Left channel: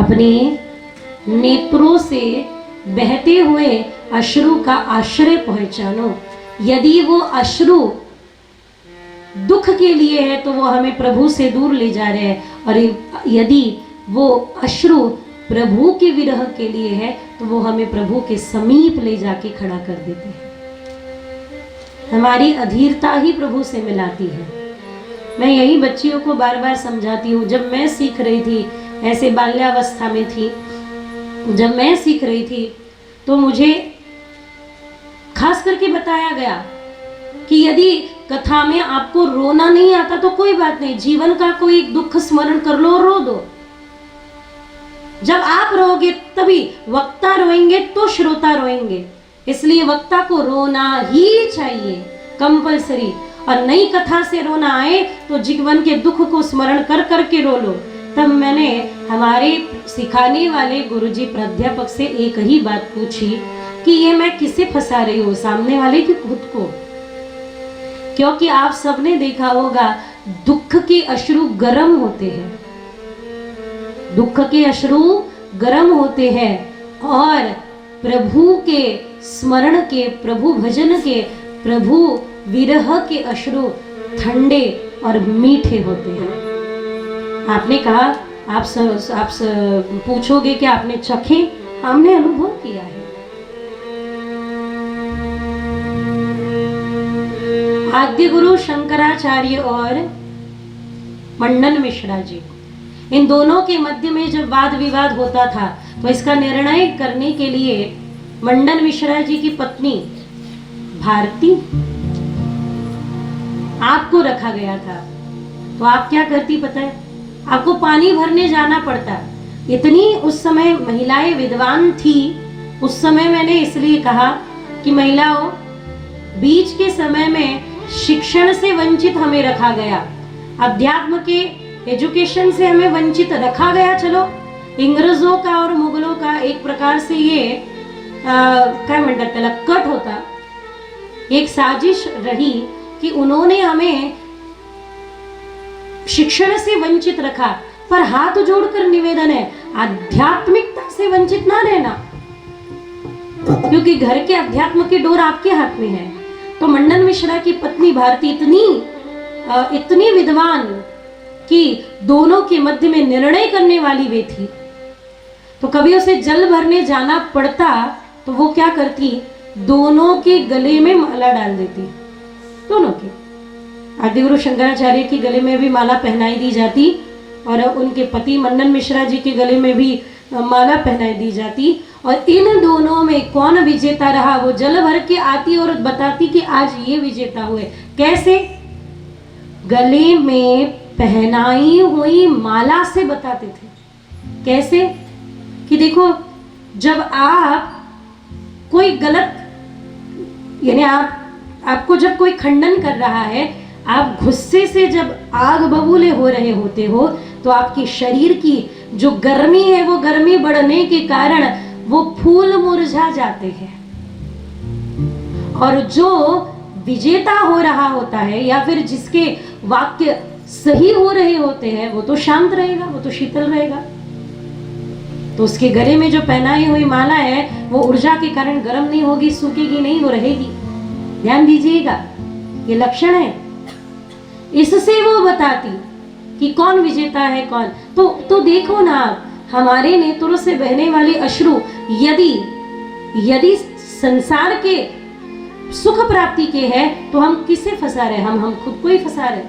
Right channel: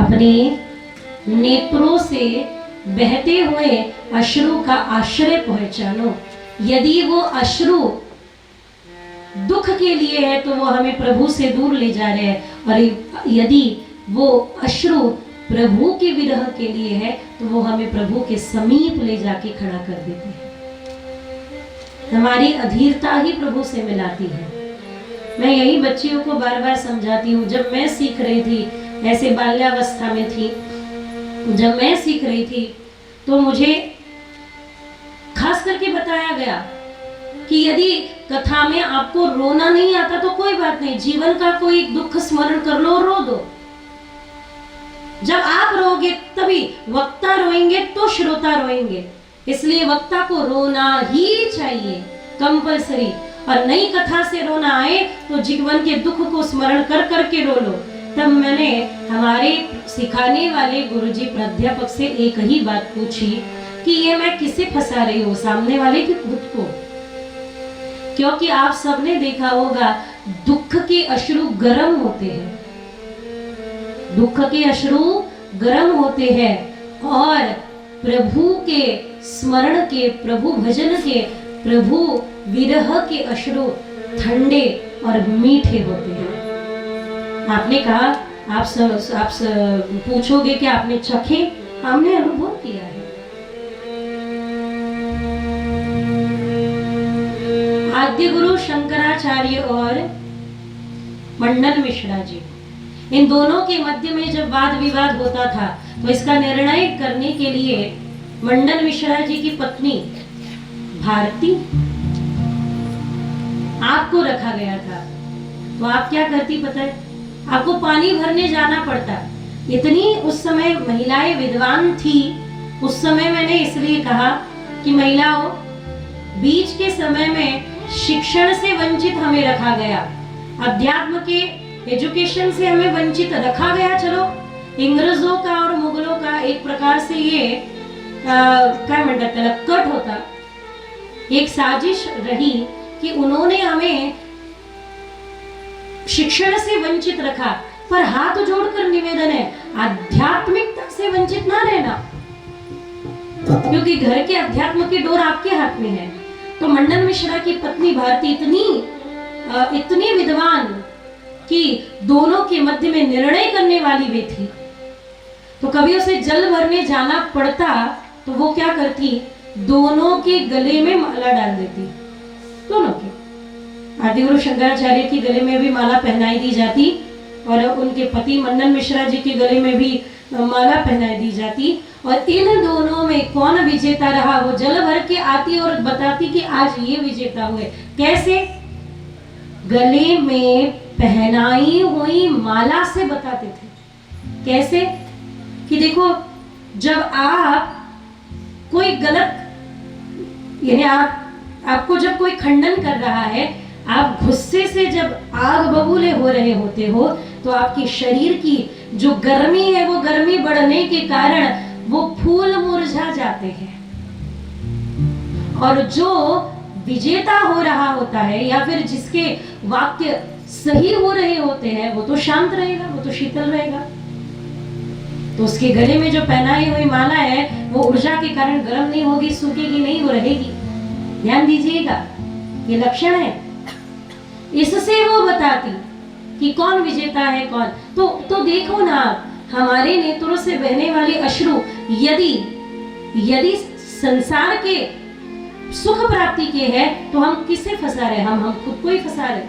अपने नेत्रों से बहते हुए अश्रु का आश्रय पहचानो। यदि वो अश्रु दुख के लिए है तो वो हमें प्रभु से दूर ले जा रहे हैं, और यदि वो अश्रु प्रभु के विरह के लिए है तो वो हमें प्रभु के समीप ले जाके खड़ा कर देते हैं। हमारी अधीरता ही प्रभु से मिलाती है। मैं यही बच्चियों को बार बार समझाती हूँ। जब मैं सीख रही थी, ऐसे बाल्यावस्था में थी, जब मैं सीख रही थी तो मुझे खास करके बताया गया कि यदि कथा में आपको रोना नहीं आता तो कोई बात नहीं, जीवन का कोई दुख स्मरण कर लो और रो दो। जब आप रोगे तभी वक्ता रोएंगे तो श्रोता रोएंगे, इसलिए वक्ता को रोना ही चाहिए कंपलसरी। और नई कथा से रोना आए तो जीवन के दुख को स्मरण कर करके रो लो। तब मैंने हमारे सिखाने वाले गुरुजी प्राध्यापक से एक ही बात पूछी कि ये मैं किसे फंसा रही हूँ, सामने वाले की खुद को? क्योंकि आप सबने देखा होगा दुख के अश्रु गर्म होते हैं, दुख के अश्रु गर्म होते हैं, और प्रभु के स्मरण के, प्रभु भजन के, प्रभु विरह के अश्रु ठंडे और मीठे होते हैं। आपने कहा, आप पूछोगे कि आपने चखे, हमने अनुभव किया है। आद्य गुरु शंकराचार्य और मंडन मिश्रा जी, इन दोनों के मध्य में जब वाद विवाद होता था तो इसका निर्णय करने के लिए मंडन मिश्रा जी की पत्नी भारती आपको रखा गया था। तो आप क्या करती पता है? आपको पानी भरने जाना पड़ता। इतनी उस समय महिलाएं विद्वान थी। उस समय मैंने इसलिए कहा कि महिलाओं, बीच के समय में शिक्षण से वंचित हमें रखा गया, अध्यात्म के एजुकेशन से हमें वंचित रखा गया। चलो, इंग्रजों का और मुगलों का एक प्रकार से ये क्या म्हणतात त्याला कट होता, एक साजिश रही कि उन्होंने हमें शिक्षण से वंचित रखा। पर हाथ जोड़कर निवेदन है, आध्यात्मिकता से वंचित ना रहना, क्योंकि घर के अध्यात्म की डोर आपके हाथ में है। तो मंडन मिश्रा की पत्नी भारती इतनी विद्वान कि दोनों के मध्य में निर्णय करने वाली वे थी। तो कभी उसे जल भरने जाना पड़ता तो वो क्या करती, दोनों के गले में माला डाल देती, दोनों के। आदिगुरु शंकराचार्य के गले में भी माला पहनाई दी जाती और उनके पति मंडन मिश्रा जी के गले में भी माला पहनाई दी जाती। और इन दोनों में कौन विजेता रहा, वो जल भर के आती और बताती कि आज ये विजेता हुए। कैसे? गले में पहनाई हुई माला से बताते थे। कैसे? कि देखो, जब आप कोई गलत, यानी आपको जब कोई खंडन कर रहा है, आप गुस्से से जब आग बबूले हो रहे होते हो, तो आपकी शरीर की जो गर्मी है वो गर्मी बढ़ने के कारण वो फूल मुरझा जाते हैं। और जो विजेता हो रहा होता है या फिर जिसके वाक्य सही हो रहे होते हैं वो तो शांत रहेगा, वो तो शीतल रहेगा। तो उसके गले में जो पहनाई हुई माला है वो ऊर्जा के कारण गर्म नहीं होगी, सूखेगी नहीं, वो रहेगी। ध्यान दीजिएगा, ये लक्षण है। इससे वो बताती कि कौन विजेता है कौन। तो देखो ना, हमारे नेत्रों से बहने वाले अश्रु यदि संसार के सुख प्राप्ति के हैं तो हम किसे फंसा रहे? हम खुद को ही फंसा रहे।